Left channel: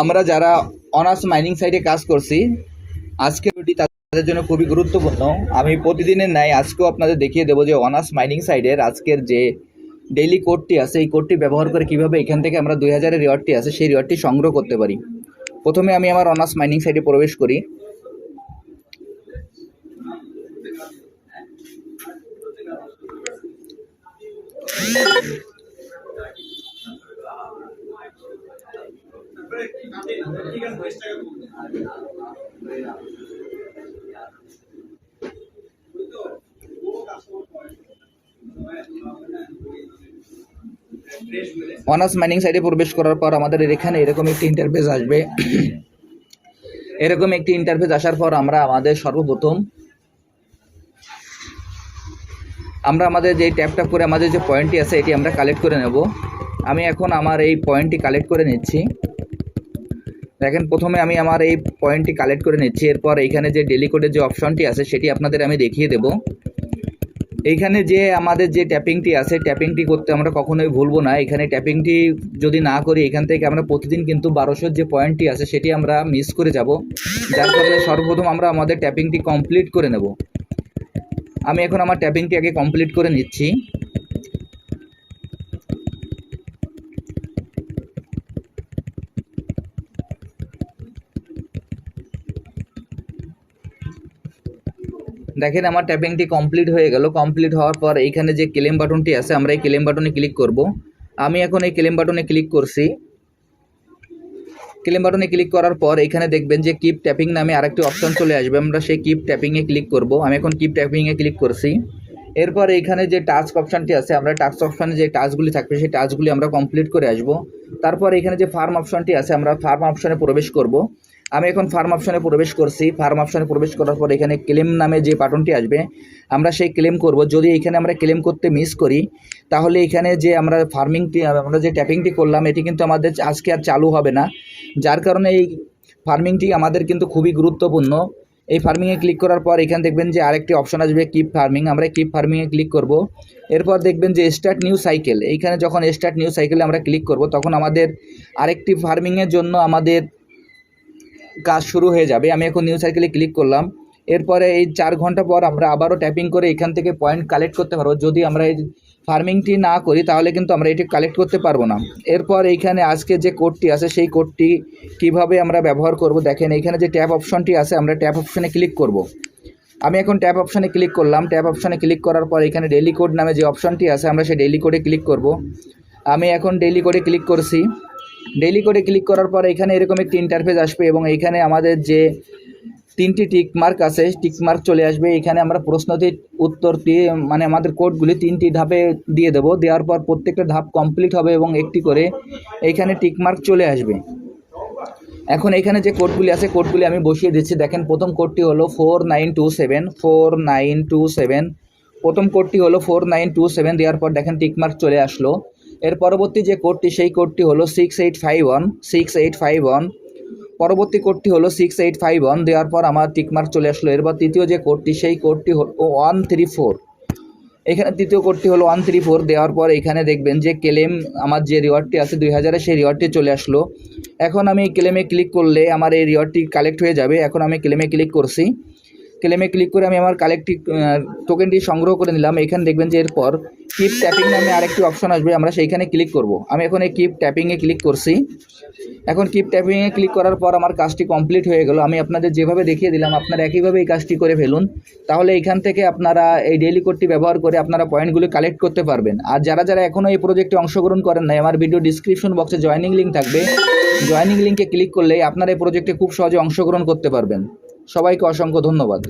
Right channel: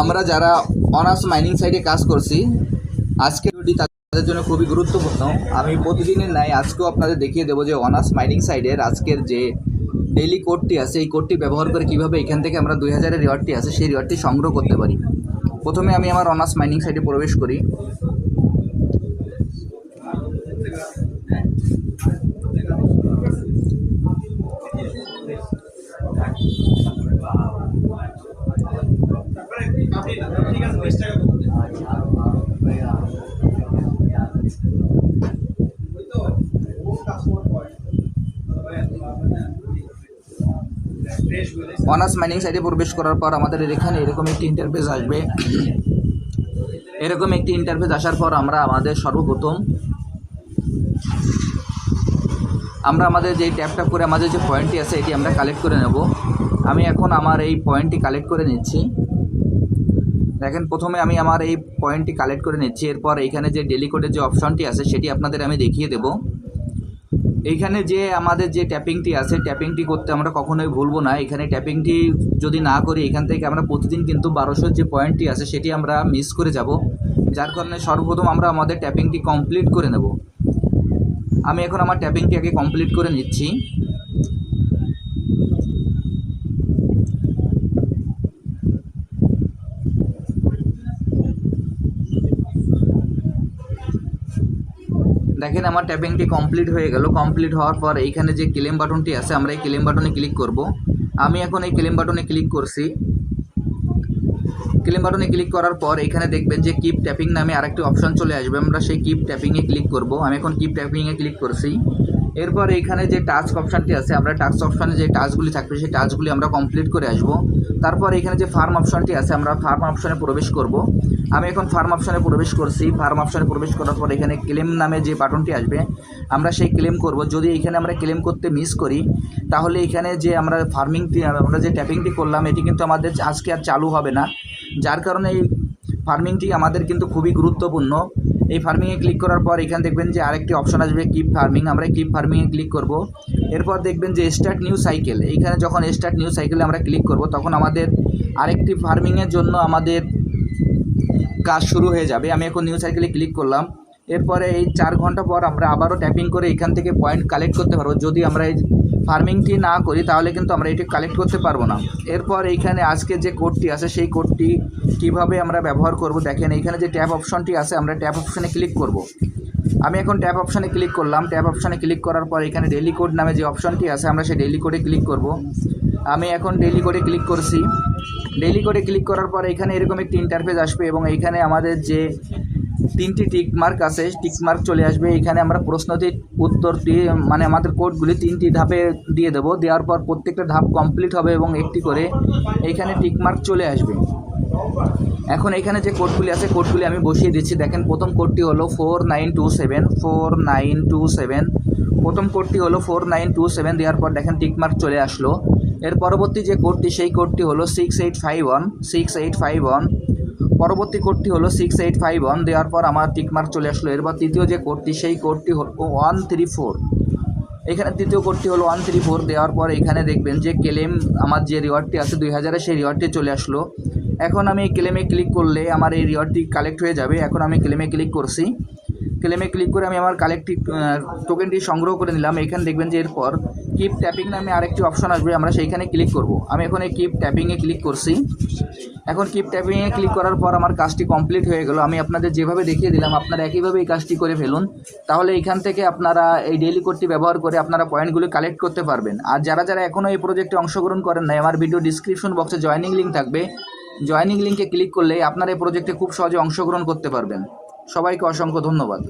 আমরা যারা honours mining সাইডে কাজ করছি আজকের ভিডিও তাদের জন্য খুবই গুরুত্বপূর্ণ। আমি প্রতিদিনের ন্যায় আজকেও আপনাদের দেখিয়ে দেবো যে অনার্স মাইনিং সাইডের আজকের যে ডেইলি কোডটি আছে, এই কোডটি ব্যবহার করে কীভাবে এখান থেকে আমরা দুই হাজারের রিওয়ার্ডটি আছে, সেই রিওয়ার্ডটি সংগ্রহ করতে পারি। প্রথমে আমি আমার অনার্স মাইনিং সাইডে প্রবেশ করি। অনার্স মাইনিং সাইডে প্রবেশ করার পর আমাদের এখানে এরকম একটি ইন্টারফেস আসবে। এরকম একটি ইন্টারফেস আসার পর আমরা আমাদের সর্বপ্রথম আমরা আমাদের যে ট্যাপ ট্যাপ করে আমাদের যে পয়েন্টটি আছে, এটি আমরা কালেক্ট করে নেব। আমি এখন আমার এই পয়েন্টটি কালেক্ট করে নিচ্ছি। দেখেন, প্রথমে আমি আমার এই পয়েন্টটি কালেক্ট করে নিচ্ছি, এরপর এইখানে যে ডেলি কোডের যে অপশনটি আছে, সেটি আপনাদের আমি দেখিয়ে দেব। এইখানে যে আমাদের যে ট্যাপিংটি আছে ট্যাপিংটি করতে আমরা কখনোই ভুলবো না। এখানে ট্যাপিংটি যদি না করি, এখান থেকে আমরা প্রতিদিন কিন্তু বারোশোর যে পয়েন্টটি আছে, সেটি আমরা মিস করে যাব। যার ফলে সর্বপ্রথম আমরা আমাদের ট্যাপিংটি কমপ্লিট করে নেব। আমি এখন আমার ট্যাপিংটি আগে কমপ্লিট করে নিচ্ছি। দেখেন আমার ট্যাপিংটি কমপ্লিট হয়ে গেল। কমপ্লিট হওয়ার পর এইখানে যে ক্লেম বাটনটি আছে, আমরা এই ক্লেম বাটনে ক্লিক করব। আমি এখন এই ক্লেম বাটনে ক্লিক করছি। ক্লেম বাটনে ক্লিক করার পর এখানে দেখবেন যে কিপ ট্যাপিং নামে আরেকটি অপশন চলে আসবে। আমরা সেই কিপ ট্যাপিংয়ে ক্লিক করব। আমি এখন কিপ ট্যাপিংয়ে ক্লিক করছি। এরপর এইখানে যে টাস্ক অপশানটি আছে, আমরা টাস্ক অপশানে যে টাস্কগুলি থাকবে, সেই টাস্কগুলি আমরা কমপ্লিট করে আসব। তারপর এখানে যে ফার্ম অপশনটি আছে, আমরা ফার্ম অপশনে প্রবেশ করব। আমি এখন ফার্ম অপশনে প্রবেশ করছি। ফার্ম অপশনে প্রবেশ করার পর এখানে ক্লেম নামে যে বাটনটি আসবে, আমরা সেই ক্লেম করব। যদি এখানে আমরা ক্লেম করতে মিস করি, তাহলে এখানে যে আমরা ফার্মিংটি আমরা যে ট্যাপিংটি করলাম, এটি কিন্তু আমাদের আজকে আর চালু হবে না। যার কারণে এই ফার্মিংটি আমাদের কিন্তু খুবই গুরুত্বপূর্ণ। এই ফার্মিংয়ে ক্লিক করার পর এখানে দেখবেন যে আরেকটি অপশন আসবে কিপ ফার্মিং আমরা কিপ ফার্মিংয়ে ক্লিক করব। এরপর দেখবেন যে স্টার্ট নিউ সাইকেল এইখানে যখন স্টার্ট নিউ সাইকেলে আমরা ক্লিক করব, তখন আমাদের আরেকটি ফার্মিংয়ের জন্য আমাদের কাজ শুরু হয়ে যাবে। আমি এখন নিউ সাইকেলে ক্লিক করলাম। এরপরে এই চার ঘণ্টা পর আমরা আবারও ট্যাপিং করে এখান থেকে পয়েন্ট কালেক্ট করতে পারব। যদি আমরা এই ফার্মিংটি না করি, তাহলে কিন্তু আমরা এটি কালেক্ট করতে পারব না। এরপর এইখানে আজকে যে কোডটি আছে, সেই কোডটি কীভাবে আমরা ব্যবহার করব? দেখেন, এইখানে যে ট্যাপ অপশনটি আছে, আমরা ট্যাপ অপশনে ক্লিক করব। আমি এখন ট্যাপ অপশনে ক্লিক করলাম। ট্যাপ অপশনে ক্লিক করার পর এখানে ডেলি কোড নামে যে অপশনটি আছে, আমরা সেই ডেলি কোডে ক্লিক করব। আমি এখন ডেলি কোডে ক্লিক করছি। ডেলি কোডে ক্লিক করার পর এখানে এরকম একটি ইন্টারফেস আসবে এবং এইখানে আমাদের যে তিনটি টিক মার্ক আছে টিক মার্ক চলে আসবে। এখানে আমরা প্রশ্নটি, উত্তরটি মানে আমাদের কোডগুলি তিনটি ধাপে দিয়ে দেবো। দেওয়ার পর প্রত্যেকটা ধাপ কমপ্লিট হবে এবং একটি করে এইখানে টিক মার্ক চলে আসবে। এখন এখানে যে কোডগুলি আছে, কোডগুলি আমি বসিয়ে দিচ্ছি। দেখেন, প্রথম কোডটি হলো four nine two seven four nine two seven প্রথম কোডটি হলো ফোর নাইন টু সেভেন দেওয়ার পর দেখেন টিকমার্ক চলে আসলো। এর পরবর্তী যে কোডটি, সেই কোডটি হলো six eight five one six eight five one পরবর্তী কোডটি হলো সিক্স এইট ফাইভ ওয়ান দেওয়ার পর আমার টিকমার্ক চলে আসলো। এরপর তৃতীয় যে কোডটি, সেই কোডটি হলো ওয়ান থ্রি ফোর এখানে তৃতীয় কোডটি হলো ওয়ান থ্রি ফোর দেওয়ার পর এখানে দেখবেন যে ক্লেম আমার যে রিওয়ার্ডটি আছে দুই হাজারের সেই রিওয়ার্ডটি চলে আসলো। এখন আমি ক্লেমে ক্লিক করলে আমার এই রিওয়ার্ডটি কালেক্ট হয়ে যাবে। এখন আমি ক্লেমে ক্লিক করছি। ক্লেমে ক্লিক করে আমি আমার কালেক্টটি টোকেনটি সংগ্রহ করে নিলাম। এখানে দেখবেন যে এরপর কিপ ট্যাপিং নামে আরেকটি অপশন আসবে। আমরা সেইখানে ক্লিক করব। আমি এখন এই কিপ ট্যাপিংয়ে ক্লিক করছি। এখন কিপ ট্যাপিংয়ে ক্লিক করার পর আমার কাজটি কমপ্লিট হয়ে গেল। আমি আপনাদের যেভাবে দেখিয়ে দিলাম, আপনারা একইভাবে এই কাজটি করে ফেলুন। তাহলে এখান থেকে আপনারা এই ডেইলি কোডটি ব্যবহার করে আপনারা পয়েন্টগুলি কালেক্ট করতে পারবেন। আর যারা যারা এখনও এই প্রজেক্টে অংশগ্রহণ করেন নাই, আমার ভিডিও ডিসক্রিপশন বক্সে জয়নিং লিঙ্ক থাকবে। জয়নিং লিঙ্কে ক্লিক করলে আপনারা এই প্রজেক্টে খুব সহজে অংশগ্রহণ করতে পারবেন। সবাইকে অসংখ্য ধন্যবাদ।